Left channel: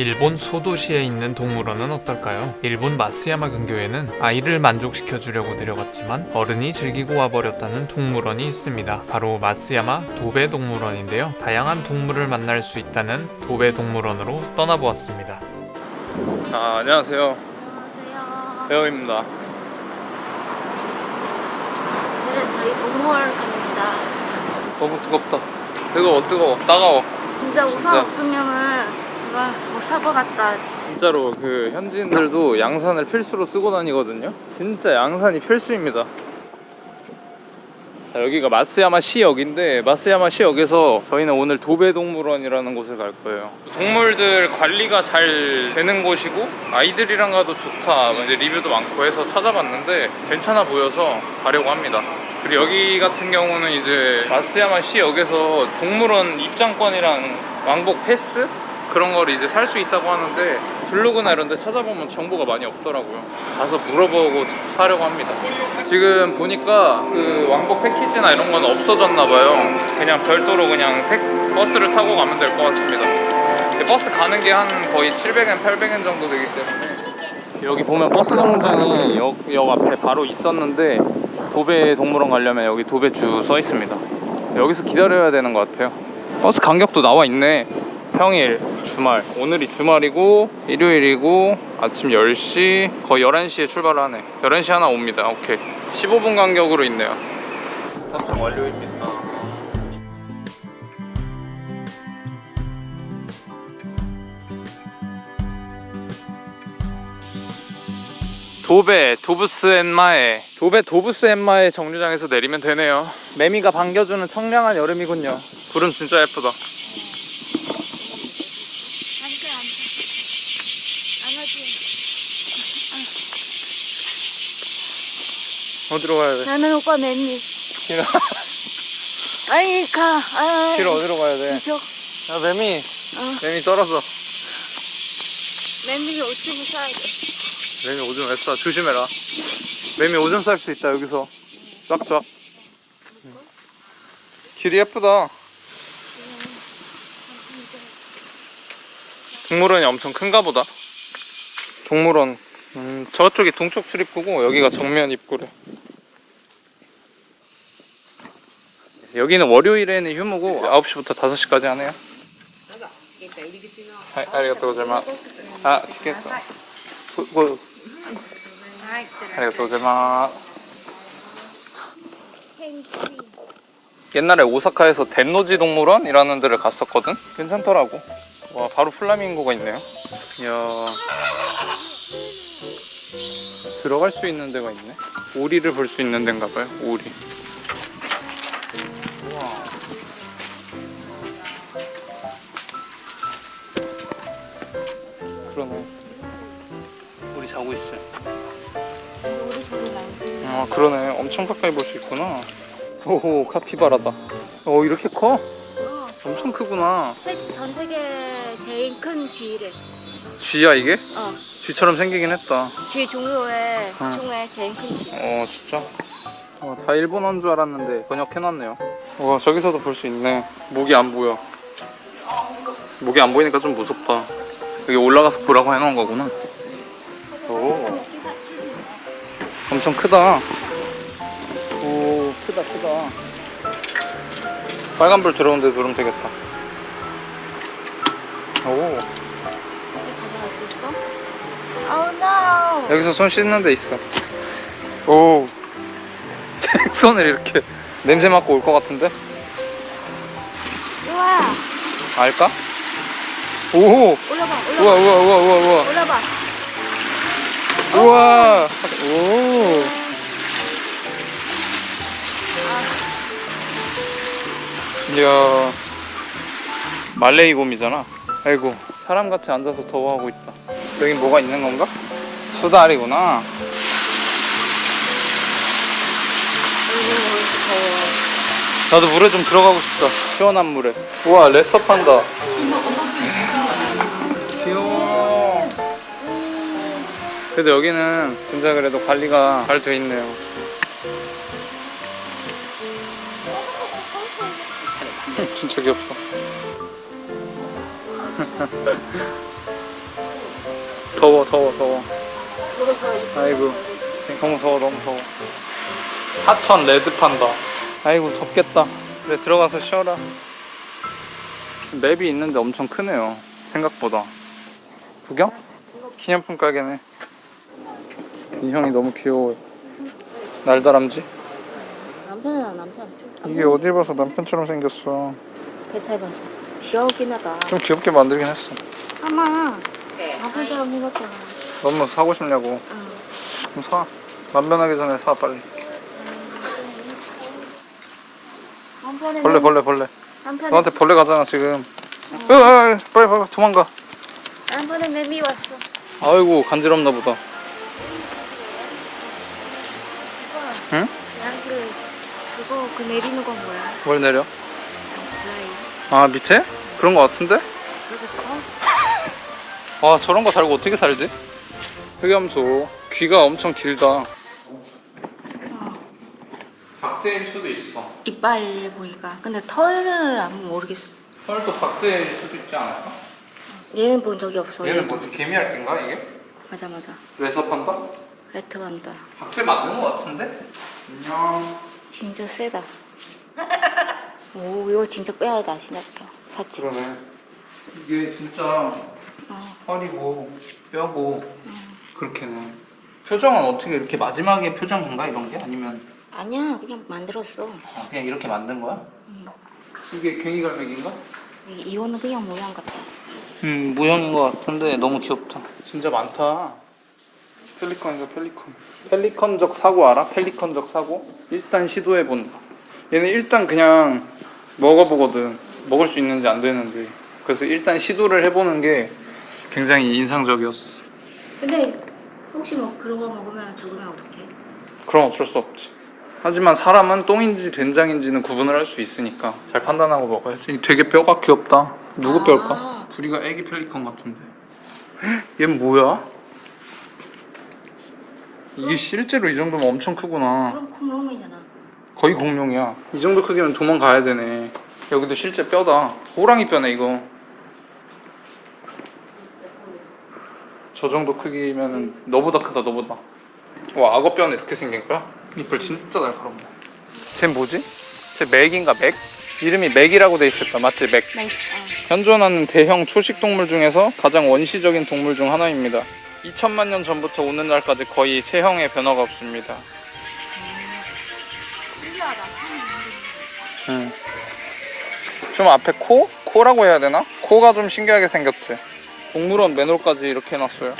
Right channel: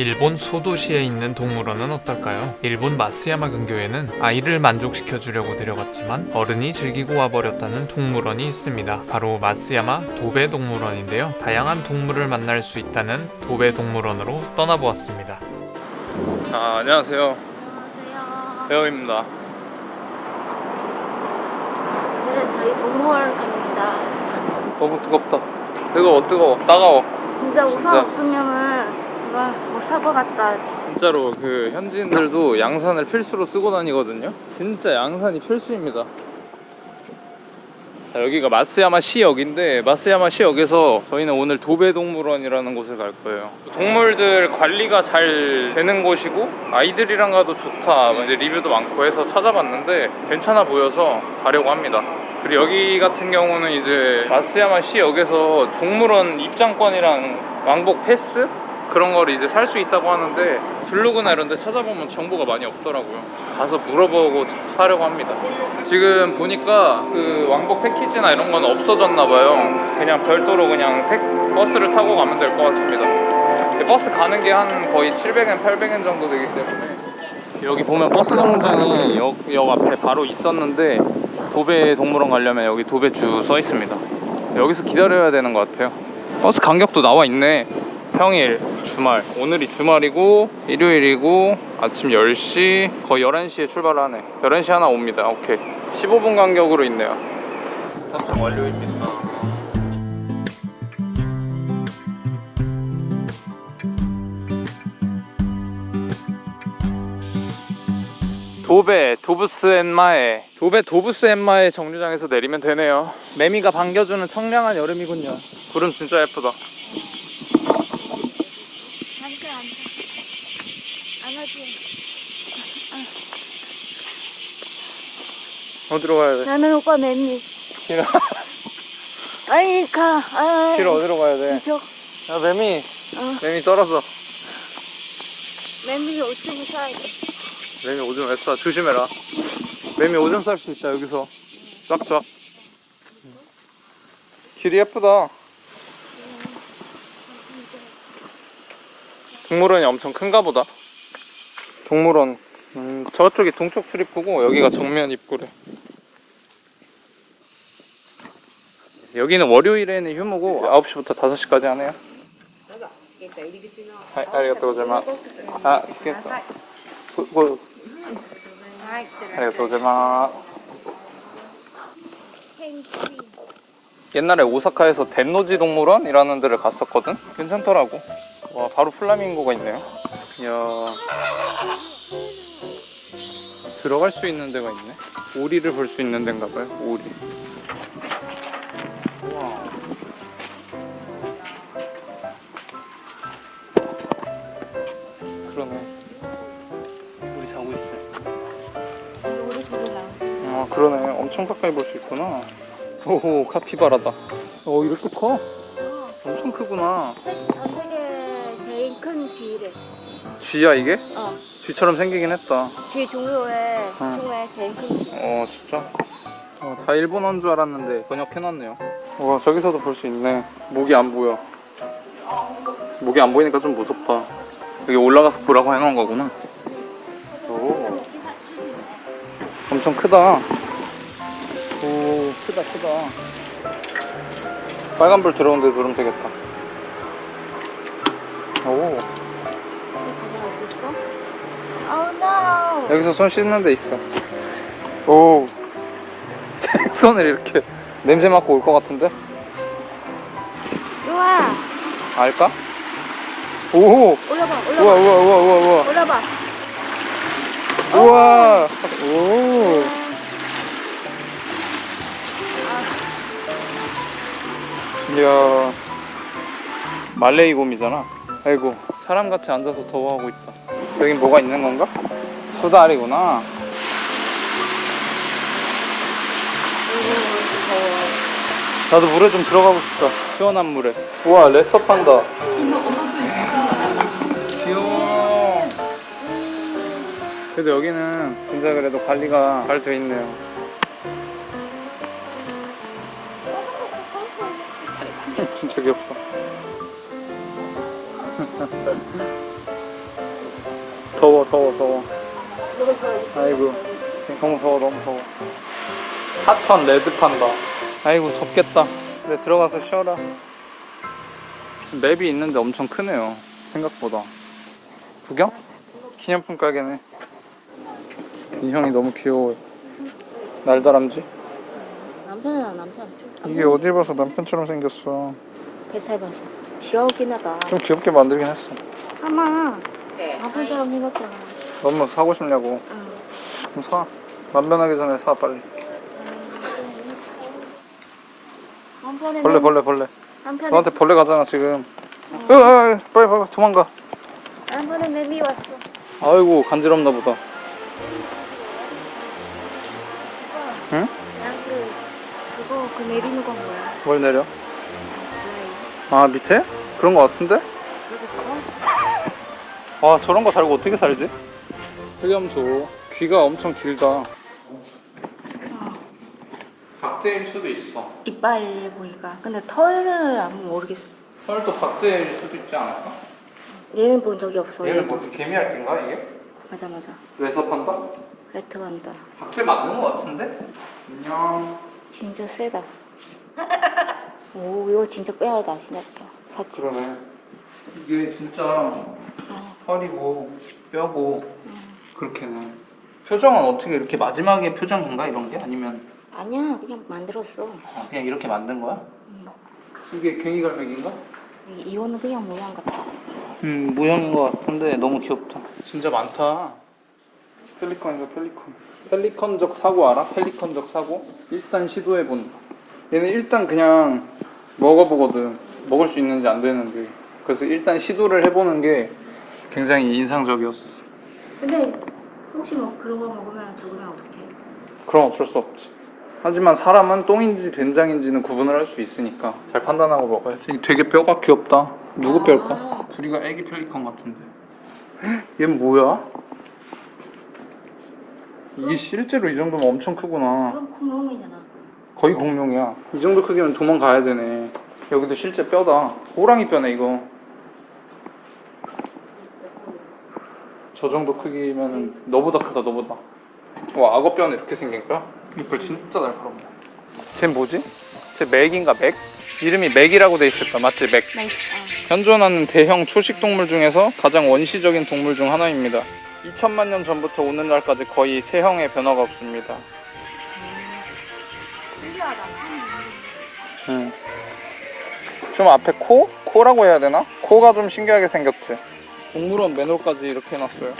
일본 소도시에 있는 동물원은 어떨까요? 일본 마스야마 근교에는 아이를 만족시켜 주려고 데려갔지만 어른이 즐기고 와버렸다는 동물원이 있습니다. 바로 마스야마 도베 동물원인데요. 다양한 동물을 만날 수 있다는 도베 동물원으로 떠나보았습니다. 아, 안녕하세요. 안녕하세요. 배우입니다. 오늘은 저희 동물원 갑니다. 너무 뜨겁다. 뜨거워, 뜨거워, 따가워. 진짜 우산 진짜. 없으면은 못살 것 같다. 진짜로 그 현지인들도 양산을 필수로 쓰고 다니거든요. 진짜 양산이 필수입니다. 자, 여기가 마스야마 시역인데 마스야마 시역에서 저희는 오늘 도배동물원이라는 곳을 갈 거예요. 동물들 관리가 잘 되는 곳이고 아이들이랑 가도 좋다. 이제 리뷰도 많고 해서 찾아봤는데 괜찮아 보여서 가려고 합니다. 그리고 여기 같은 경우는 이제 마스야마 시역에서 동물원 입장권이랑 왕복 패스 그런 거를 이제 살 수 있다고 하는데 블로그나 이런 데 찾아보면 정보가 많이 없더라고요. 가서 물어보고 사려고 합니다. 지금 보니까 그 왕복 패키지나 이런 건 없어졌나 봐요. 그냥 별도로 그냥 택 버스를 타고 가면 될 것 같습니다. 버스 가는 게 한 거의 700엔, 800엔 정도 되기 때문에 여기 보면 버스 정류장이 역, 역 앞에 바로 있었는데 도배 동물원 가려면 여기 도배주 써 있습니다. 여기서 기다려야 되는 것 같아요. 버스 간격도 나와 있네. 평일, 주말. 오늘이 주말이고 일요일이고 아침 10시 거의 11시에 출발을 하네. 11시 하나 옵니다. 오케이. 15분 간격으로 있네요. 탑승 완료입니다. 도베 도부스 엔마에 도베 도부스 엔마의 정류장에서 내리면 되네요. 매미가 반겨주는 청량한 여름이군요. 구름 진짜 예쁘다. 앉아 앉아. 안아지. 어디로 가야 돼? 나는 오빠 매미. 싫어. 아이 가. 아이. 싫어 어디로 가야 돼? 이쪽. 야 매미 어. 매미 떨어져. 매미 오줌 싸야 돼. 매미 오줌 왜 싸? 조심해라. 매미 오줌 쌀 수 있다 여기서. 쫙쫙. 길이 예쁘다. 동물원이 엄청 큰가 보다. 동물원. 음, 저쪽이 동쪽 출입구고 여기가 정면 입구래. 여기는 월요일에는 휴무고 9시부터 5시까지 하네요. 아, 아리가또 고자이마스. 아, 티켓. 고, 고, 아리가또 고자이마스. 옛날에 오사카에서 덴노지 동물원이라는 데를 갔었거든? 괜찮더라고. 와, 바로 플라밍고가 있네요. 이야. 들어갈 수 있는 데가 있네. 오리를 볼 수 있는 데인가 봐요. 오리. 우와. 그러네. 우리 자고 있어요. 아 그러네 엄청 가까이 볼 수 있구나 오호 카피바라다 어 이렇게 커? 어. 엄청 크구나 세- 전 세계 제일 큰 쥐래. 쥐야 이게? 어. 쥐처럼 생기긴 했다. 쥐 종류의 응. 중에 제일 큰 쥐. 어 진짜? 어, 다 일본어인 줄 알았는데 번역해놨네요. 와 저기서도 볼 수 있네. 목이 안 보여. 목이 안 보이니까 좀 무섭다. 여기 올라가서 보라고 해놓은 거구나. 오. 엄청 크다. 오 크다 크다. 빨간불 들어오는데 누르면 되겠다. 오. 여기 가져갈 수 있어? Oh no. 여기서 손 씻는 데 있어. 오. 손을 이렇게 냄새 맡고 올 것 같은데? 우와. 알까? 오. 올라봐. 우와, 올라봐. 우와, 우와, 우와, 우와. 올라봐. 우와. 오. 이야. 말레이 곰이잖아. 아이고, 사람 같이 앉아서 더워하고 있다. 여긴 뭐가 있는 건가? 수달이구나. 나도 물에 좀 들어가고 싶다. 시원한 물에. 우와, 레서 판다. 귀여워. 그래도 여기는 진짜 그래도 관리가 잘 돼 있네요. 진짜 귀엽다. 더워 더워 더워. 아이고 너무 더워 너무 더워. 하천 레드 판다. 아이고 덥겠다. 그래 들어가서 쉬어라. 맵이 있는데 엄청 크네요 생각보다. 구경? 기념품 가게네. 이 형이 너무 귀여워 날다람쥐? 남편이야 남편. 이게 어디 봐서 남편처럼 생겼어. 뱃살 봐서. 귀여우긴 하다. 좀 귀엽게 만들긴 했어. 아마 남편처럼 생겼잖아. 너무 사고 싶냐고 응. 그럼 사 만변하기 전에 사 빨리 남편은 벌레 벌레 벌레 남편은 너한테 벌레 가잖아 지금 으, 으, 으, 빨리 빨리 도망가 남편은 매미 왔어. 아이고 간지럽나 보다 응? 난그 그거 그 내리는 건 뭐야? 뭘 내려? 뭐야 아 밑에? 그런 거 같은데? 아 저런 거 달고 어떻게 살지? 흑염소 귀가 엄청 길다 어. 박제일 수도 있어 이빨 보니까. 근데 털을 안 모르겠어. 털도 박제일 수도 있지 않을까? 얘는 본 적이 없어. 얘는. 뭐지 개미알인가 이게? 맞아 맞아. 왜서 판다? 레트 간다. 박제 맞는 거 같은데? 안녕 진짜 세다. 오 이거 진짜 빼야다 신났다. 사치. 그러네 이게 진짜 어. 허리고 뼈고 그렇게는 표정은 어떻게 이렇게 마지막에 표정인가 이런 게 아니면 아니야 그냥 만들었어. 어, 그냥 이렇게 만든 거야? 음. 이게 갱이갈매기인가? 이- 이거는 그냥 모양 같아. 음 모형인 것 같은데 너무 귀엽다 진짜 많다 펠리컨이다 펠리컨 펠리컨적 사고 알아? 펠리컨적 사고? 일단 시도해 본다 얘는 일단 그냥 먹어보거든 먹을 수 있는지 안 되는지 그래서 일단 시도를 해보는 게 굉장히 인상적이었어 근데 혹시 뭐거 먹으면 죽으면 어떡해? 그럼 어쩔 수 없지 하지만 사람은 똥인지 된장인지는 구분을 할 수 있으니까 잘 판단하고 먹어야지 되게 뼈가 귀엽다 누구 아. 뼈일까? 부리가 애기 펠리컨 같은데 얘는 뭐야? 이게 실제로 이 정도면 엄청 크구나 그럼 콩롱이잖아. 거의 공룡이야 이 정도 크기면 도망가야 되네 여기도 실제 뼈다 호랑이 뼈네 이거 저 정도 크기면 너보다 크다 너보다 와 악어 뼈는 이렇게 생긴 거야? 이빨 진짜 날카롭네 쟤 뭐지? 쟤 맥인가 맥? 이름이 맥이라고 돼 있었다 맞지 맥나 있- 현존하는 대형 초식 동물 중에서 가장 원시적인 동물 중 하나입니다 2천만 년 전부터 오늘날까지 거의 세형의 변화가 없습니다 음. 좀 앞에 코? 코라고 해야 되나? 코가 좀 신기하게 생겼지. 동물원 맨홀까지 이렇게 해놨어요.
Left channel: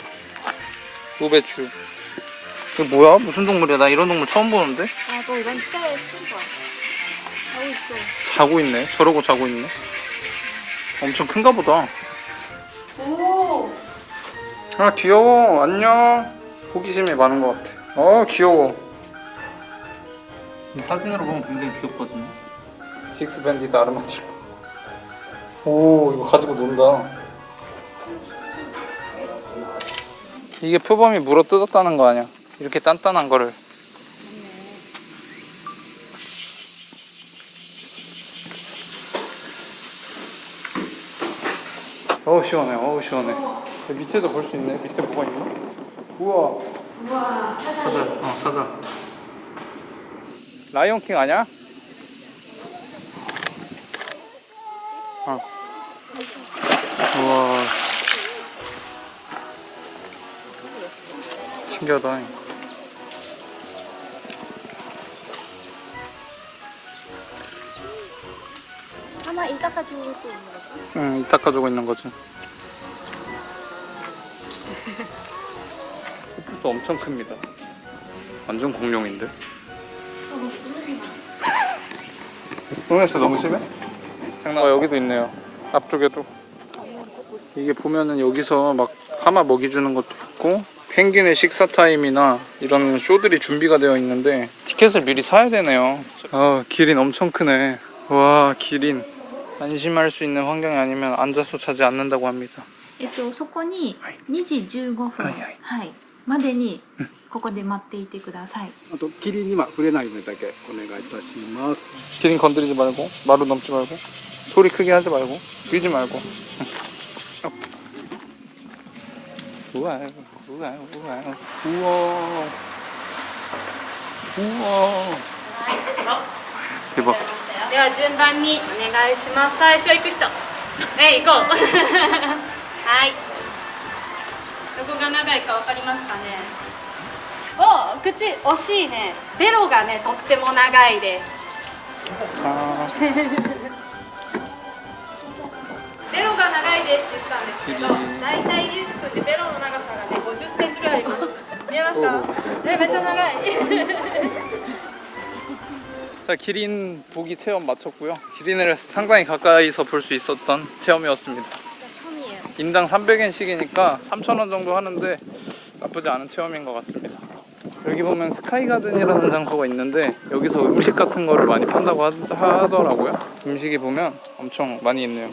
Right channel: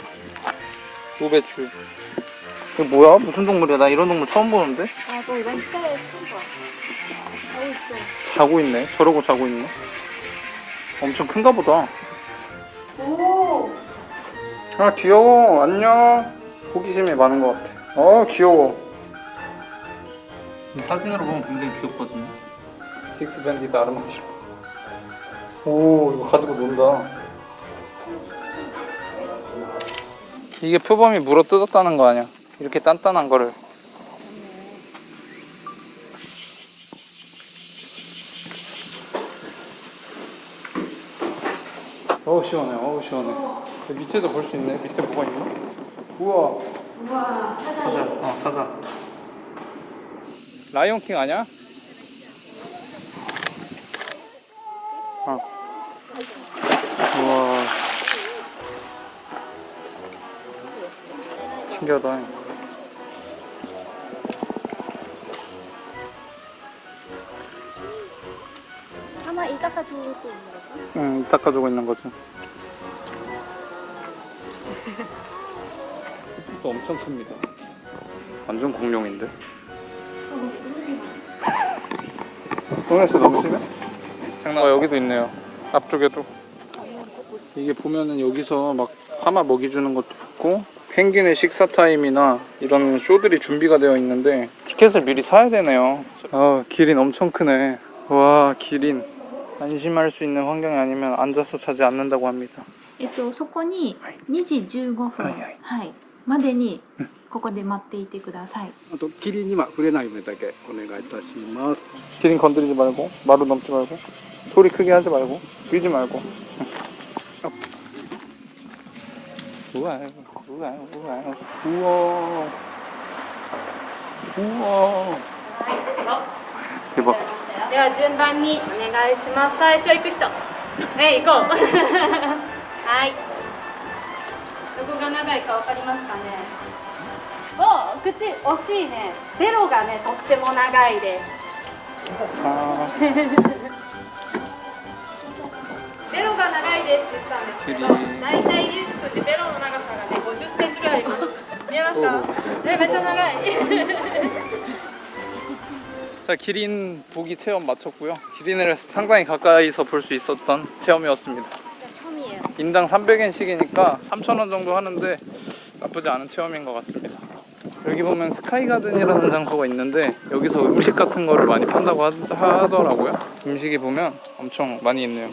우배추. 이거 뭐야? 무슨 동물이야? 나 이런 동물 처음 보는데? 아, 너 이건 진짜 예쁜 거야. 하고 있어. 자고 있네. 저러고 자고 있네. 엄청 큰가 보다. 오! 아 귀여워. 안녕. 호기심이 많은 것 같아. 어 귀여워. 이 사진으로 보면 굉장히 귀엽거든요. 식스밴디드 아르마치로. 오 이거 가지고 논다. 이게 표범이 물어 뜯었다는 거 아니야? 이렇게 단단한 거를. 어우 시원해. 어우 시원해. 여기 밑에도 볼 수 있네. 밑에 뭐가 있나? 우와. 우와, 사자. 사자. 어 사자. 라이온킹 아니야? 어. 우와. 신기하다. 아마 이 닦아주고 있는 거지? 응, 닦아주고 있는 거지. 도 엄청 큽니다. 완전 공룡인데. 손에서 너무 심해? 장난. 어, 여기도 있네요. 앞쪽에도. 이게 보면은 여기서 막 하마 먹이 주는 것도 있고 펭귄의 식사 타임이나 이런 쇼들이 준비가 되어 있는데 티켓을 미리 사야 되네요. 아, 기린 엄청 크네. 와, 기린. 안심할 수 있는 환경이 아니면 앉아서 자지 않는다고 합니다. えっと、そこに2時15分、ははいいまでにここで待っていてください。あと霧には触れないようにだけお願いいたします。 기린 건드리지 말고 마루 넘지 말고 소리 크게 하지 말고 뛰지 말고 우와, 우 うわうわうわでは順番にお願いします。最初行く人。ね行こう。はい。どこが長いかわかりますかね？お口惜しいね。ベロがねとっても長いです。ですって言ったんですけどキリン大体リュウジ君ってベロの長さがね50センチぐらいあります見えますかえめっちゃ長い 자, 기린 보기 체험 마쳤고요. 기린을 상당히 가까이서 볼 수 있었던 체험이었습니다. 처음이에요. 인당 300엔씩이니까 3,000원 정도 하는데 나쁘지 않은 체험인 것 같습니다. 여기 보면 스카이가든이라는 장소가 있는데 여기서 음식 같은 거를 많이 판다고 하, 하더라고요. 음식이 보면 엄청 많이 있네요.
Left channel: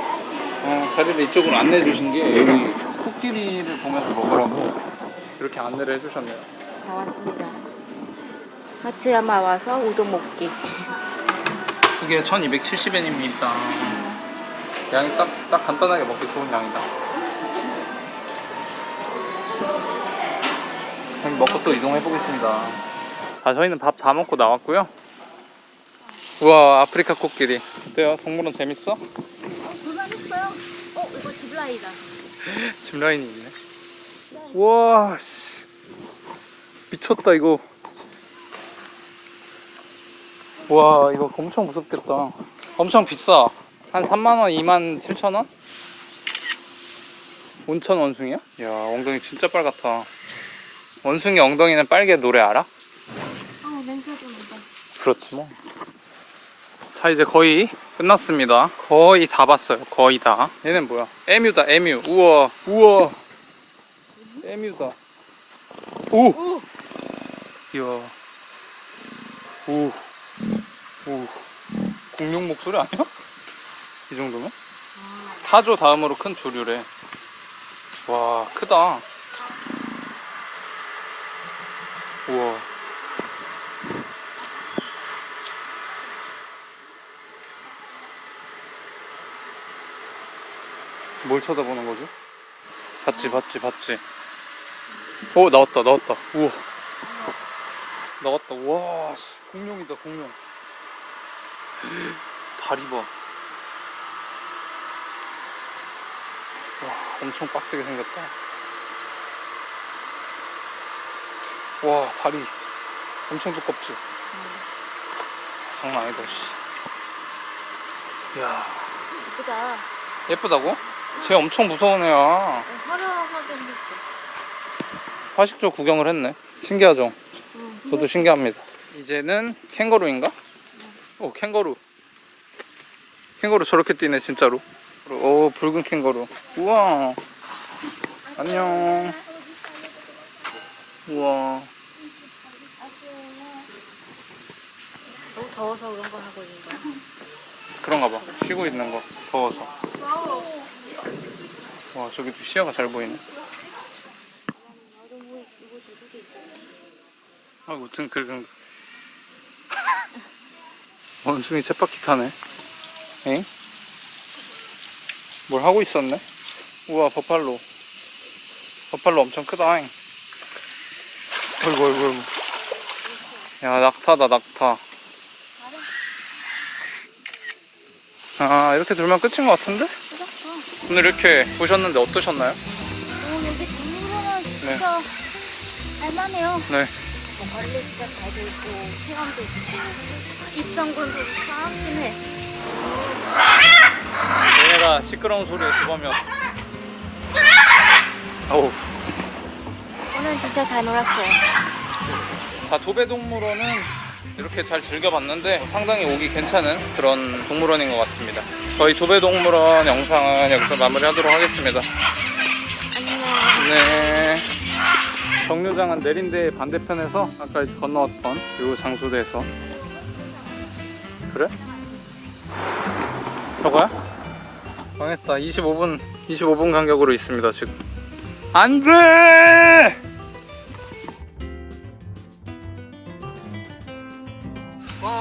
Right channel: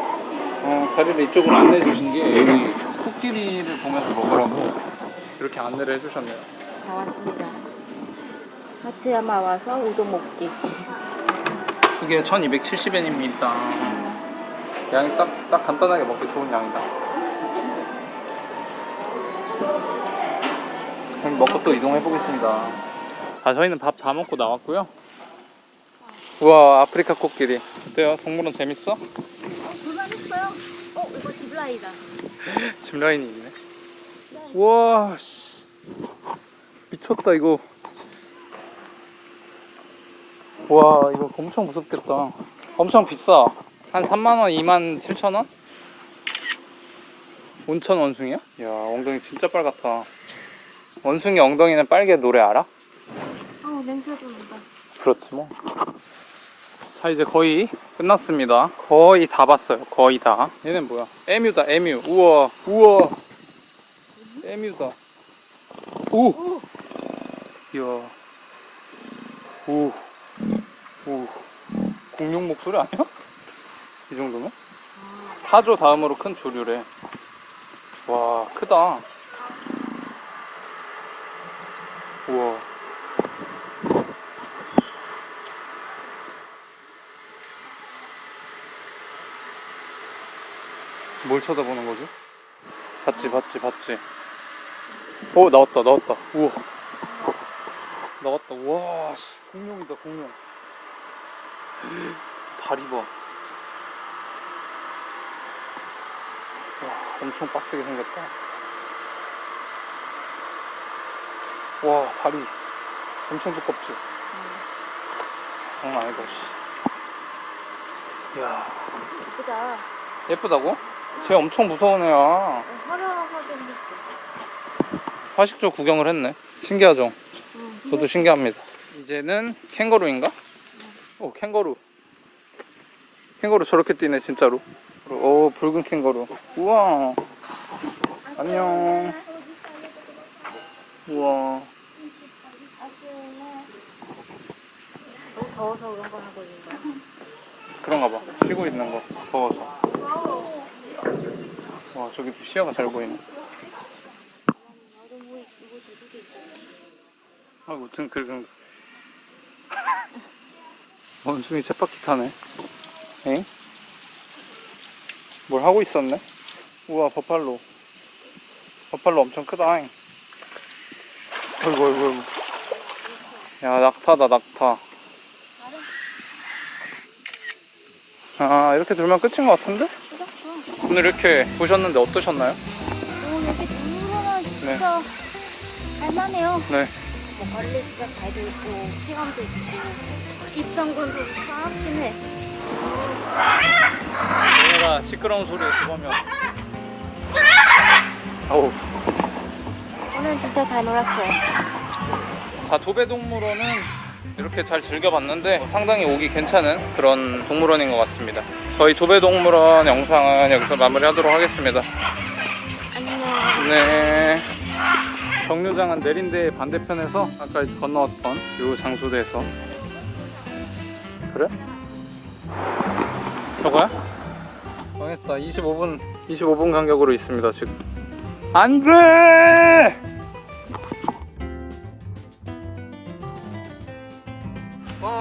어, 자리를 이쪽으로 안내해 주신 게 여기 코끼리를 보면서 먹으라고 이렇게 안내를 해주셨네요. 다 왔습니다. 마츠야마 와서 우동 먹기. 그게 1270엔입니다. 양이 딱, 딱 간단하게 먹기 좋은 양이다. 그럼 먹고 또 이동해 보겠습니다. 아, 저희는 밥 다 먹고 나왔고요. 우와, 아프리카 코끼리. 어때요? 동물원 재밌어? 불만했어요? 어 이거 집라이다. 집 라인이 있네. 씨. 미쳤다, 이거. 와, 이거 엄청 무섭겠다. 엄청 비싸. 한 3만원, 2만 7천원? 온천 원숭이야? 이야, 엉덩이 진짜 빨갛다. 원숭이 엉덩이는 빨개 노래 알아? 어 냄새 좀 난다. 그렇지 뭐. 자 이제 거의 끝났습니다. 거의 다 봤어요. 거의 다. 얘는 뭐야? 에뮤다 에뮤. 우와 우와. 에뮤다. 오. 이야. 오. 오. 공룡 목소리 아니야? 이 정도면? 사조 다음으로 큰 조류래. 와 크다. 우와. 뭘 쳐다보는 거죠? 봤지, 봤지, 봤지. 오, 나왔다, 나왔다. 우와. 나왔다. 와, 씨, 공룡이다, 공룡. 다리 봐. 와, 엄청 빡세게 생겼다. 와, 다리. 엄청 두껍지? 장난 아니다, 씨. 이야. 예쁘다. 예쁘다고? 쟤 엄청 무서운 애야. 화려하게 생겼어. 화식조 구경을 했네. 신기하죠? 응. 저도 신기합니다. 이제는 캥거루인가? 오, 캥거루. 캥거루 저렇게 뛰네, 진짜로. 오, 붉은 캥거루. 우와. 안녕. 우와. 너무 더워서 그런 거 하고 있는 거야. 그런가 봐. 쉬고 있는 거. 더워서. 와, 저기 또 시야가 잘 보이네. 아이고, 등 긁은. 원숭이 쳇바퀴 타네. 엥? 뭘 하고 있었네? 우와, 버팔로. 버팔로 엄청 크다. 잉. 아이고, 아이고, 아이고. 야, 낙타다, 낙타. 아, 이렇게 돌면 끝인 것 같은데? 오늘 이렇게 보셨는데 어떠셨나요? 오 여기 동물원은 진짜 할만해요. 네. 뭐 관리 진짜 잘돼 있고 시간도 있고 입장권도 참 심해. 얘네가 시끄러운 소리에 주범이었어. 어우. 오늘 진짜 잘 놀았어요. 자, 도배동물원은 이렇게 잘 즐겨봤는데 상당히 오기 괜찮은 그런 동물원인 것 같습니다. 저희 도배동물원 영상은 여기서 마무리하도록 하겠습니다. 안녕. 네. 정류장은 내린대 반대편에서 아까 건너왔던 이 장소대에서 그래? 저거야? 망했다. 25분 25분 간격으로 있습니다 지금. 안 돼! Oh.